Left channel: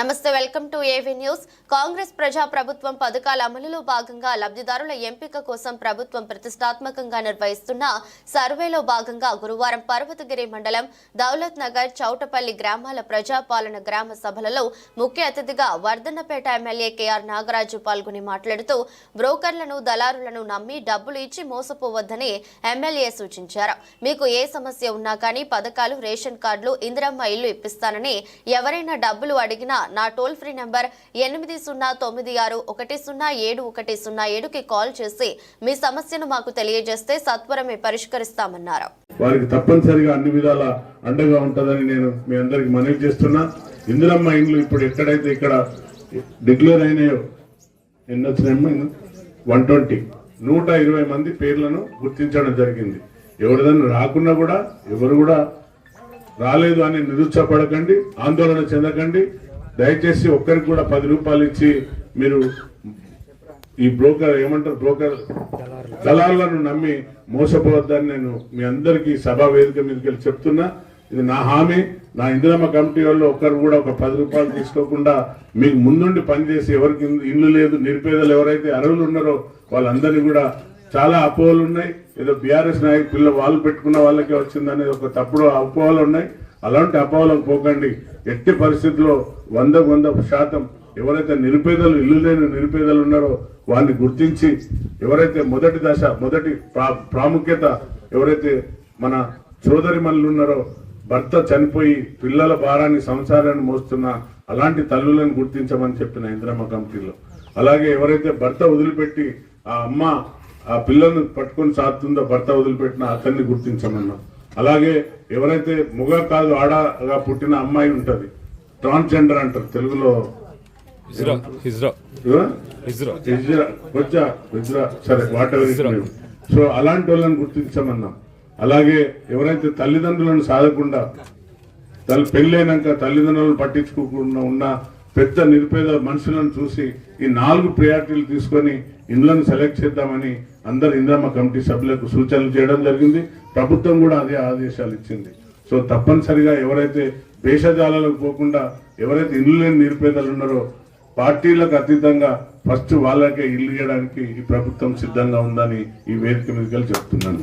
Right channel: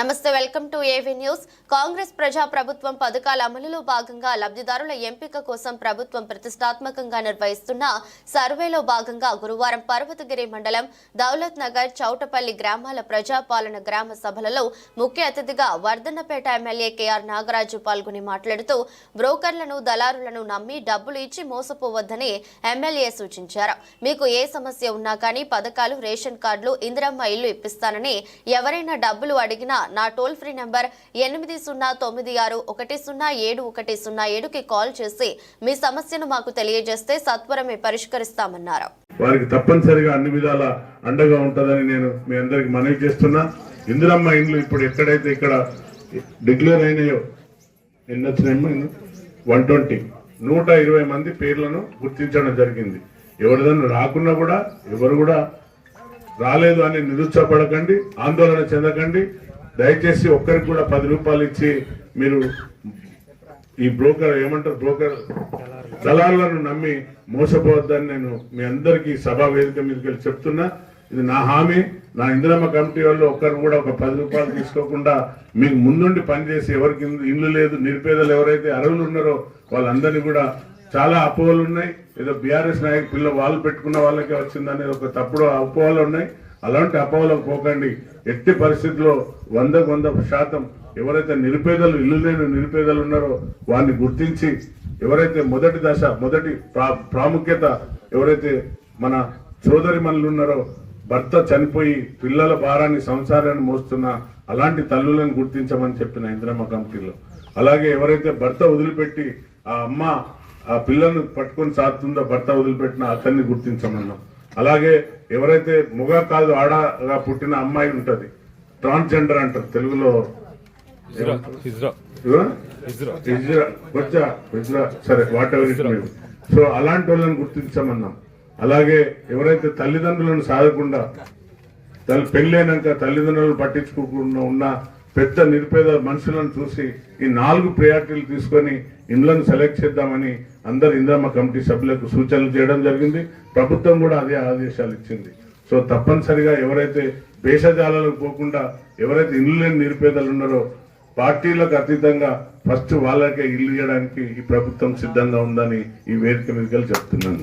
నమస్తే, welcome to AV news. Congress ప్రజా ప్రభుత్వం పథకాల అమలులో భాగంగా లబ్ధిదారుల ఎంపిక కోసం ప్రభుత్వం ప్రతిష్టాత్మకంగా నిర్వహిస్తున్న సర్వేలో భాగంగా గురువారం పర్వతగిరి మండలం దౌలత్ నగర్, చౌటపల్లి గ్రామాల ప్రజాపాలన గ్రామ సభలలో ముఖ్య అతిథిగా వర్ధన్నపేట ఎమ్మెల్యే కేఆర్ నాగరాజు పాల్గొని మాట్లాడుతూ బ్రోకర్లను, దళారులను నమ్మి డబ్బులు ఇచ్చి మోసపోవద్దని ఎమ్మెల్యే సూచించారు. మీకు ఏ సమస్య ఉన్నా కానీ పథకాలు, రేషన్ కార్డులు, ఇందిరమ్మ ఇల్లు ఇప్పిస్తానని ఎవరైనా డబ్బులు అడిగినా నా టోల్ ఫ్రీ నంబర్ 8096107107కి కాల్ చేసి మీ సమస్యను మాకు తెలియజేస్తే సత్వరమే పరిష్కరిస్తామన్నారు. వారికి తప్పనిసరిగా అన్ని విధాల అండగా ఉంటుందని నేను మీ అందరికి మనవి చేస్తున్నా. ఇందిరమ్మ ఇండ్లు ఇప్పుడు ఎక్కడైతే ఇక్కడ డిక్లేర్ అయినాయో 120 మంది పేర్లను గుర్తించడం జరిగింది. ఎవరిదన్నా రాకున్నా కూడా ఎవరు కూడా రాలేదు అని నిరుత్సాహపడకండి, ఆందోళన చెందకండి. దయచేసి ఒక్కరికి కూడా 10 రూపాయలు ఇచ్చి మీరు ఈ బ్రోకర్ దళారులను నమ్మి మోసపోవద్దని నేను మీ అందరికీ సభా వేదిక మీదకి వెళ్ళి చెప్తున్నా. ఇది నా హామీ. నా ఇందిరమ్మ కమిటీ వాళ్ళు ఒక్కరు కూడా ఒక 10 రూపాయలు తీసుకోకుండా మీకు ముందుండి పనిచేసి ఎవరికి ఇల్లు లేదు, నిరుపేదలు ఎవరైతే అర్హులు ఉన్నారో వాళ్ళందరినీ కూడా చాలా అపోహలు ఉన్నాయి. ఏదో బీఆర్ఎస్ నాయకు పిల్ల వాళ్ళు పెట్టుకున్న వాళ్ళకే వచ్చిందనే ఒక తప్పుడు అపోహలు ఉన్నాయి. అలాంటి అపోహలకు పోకండి. ఎట్టి పరిస్థితుల్లో 100% ఎవరైతే నిరుపేదలు, ఇల్లు లేని నిరుపేదలు ఉన్నారో వారిని గుర్తించి ఎవరైతే మొదటి ప్రాముఖ్యత ఎవరైతే మన సోదరి మనులు ఉన్నారో, భర్త చనిపోయి పిల్లల భారాన్ని, సంసారాన్ని మోస్తున్న అలాంటి తల్లులను గుర్తించమని చెప్పిన ఇందిరమ్మ కమిటీలో. అలాగే ఎవరైతే భర్త వదిలిపెట్టి ఆ అమ్మ ఆ పిల్లను పట్టుకొని సాగుతుందో, భర్త వదిలిపెట్టిన అతన్ని గుర్తించమన్నా. అలాగే ఎవరైతే మొగ కాదు ఆడగా పుట్టిన అమ్మాయి ఉంటది, ట్రాన్స్జెండర్ అంటారు తెలుగులో, సరే వాట్ ఎవర్. సో అలాంటి వాళ్ళని గుర్తించమన్నాం. అలాగే ఎవరైతే తల్లిదండ్రులను సాధకుండా పెళ్ళైనాక తల్లిదండ్రులను పట్టించుకోకుండా ఉన్న పెద్ద నిరుపేద మనుషులను చూసి ఈ 4 ప్రయారిటీలు తీసుకొని ఇండ్లను సెలెక్ట్ చేద్దామని అందరు ఇందిరమ్మ కమిటీ సభ్యులకు సూచనలు చేయడం జరిగింది. ప్రభుత్వం కూడా అదే ఆదేశాలు ఇచ్చింది. సో తప్పనిసరిగా ఎవరైతే దేశజాలకు పోకుండా ఎవరైతే ఇల్లు లేని నిరుపేదలు ఉన్నారో పార్టీలకు అతీతంగా ఫస్ట్ వాళ్ళకే ఇల్లు ఇవ్వడానికి ఈ ప్రభుత్వం సిద్ధంగా ఉందని ఈ వేదిక మీద చెప్తున్నాను.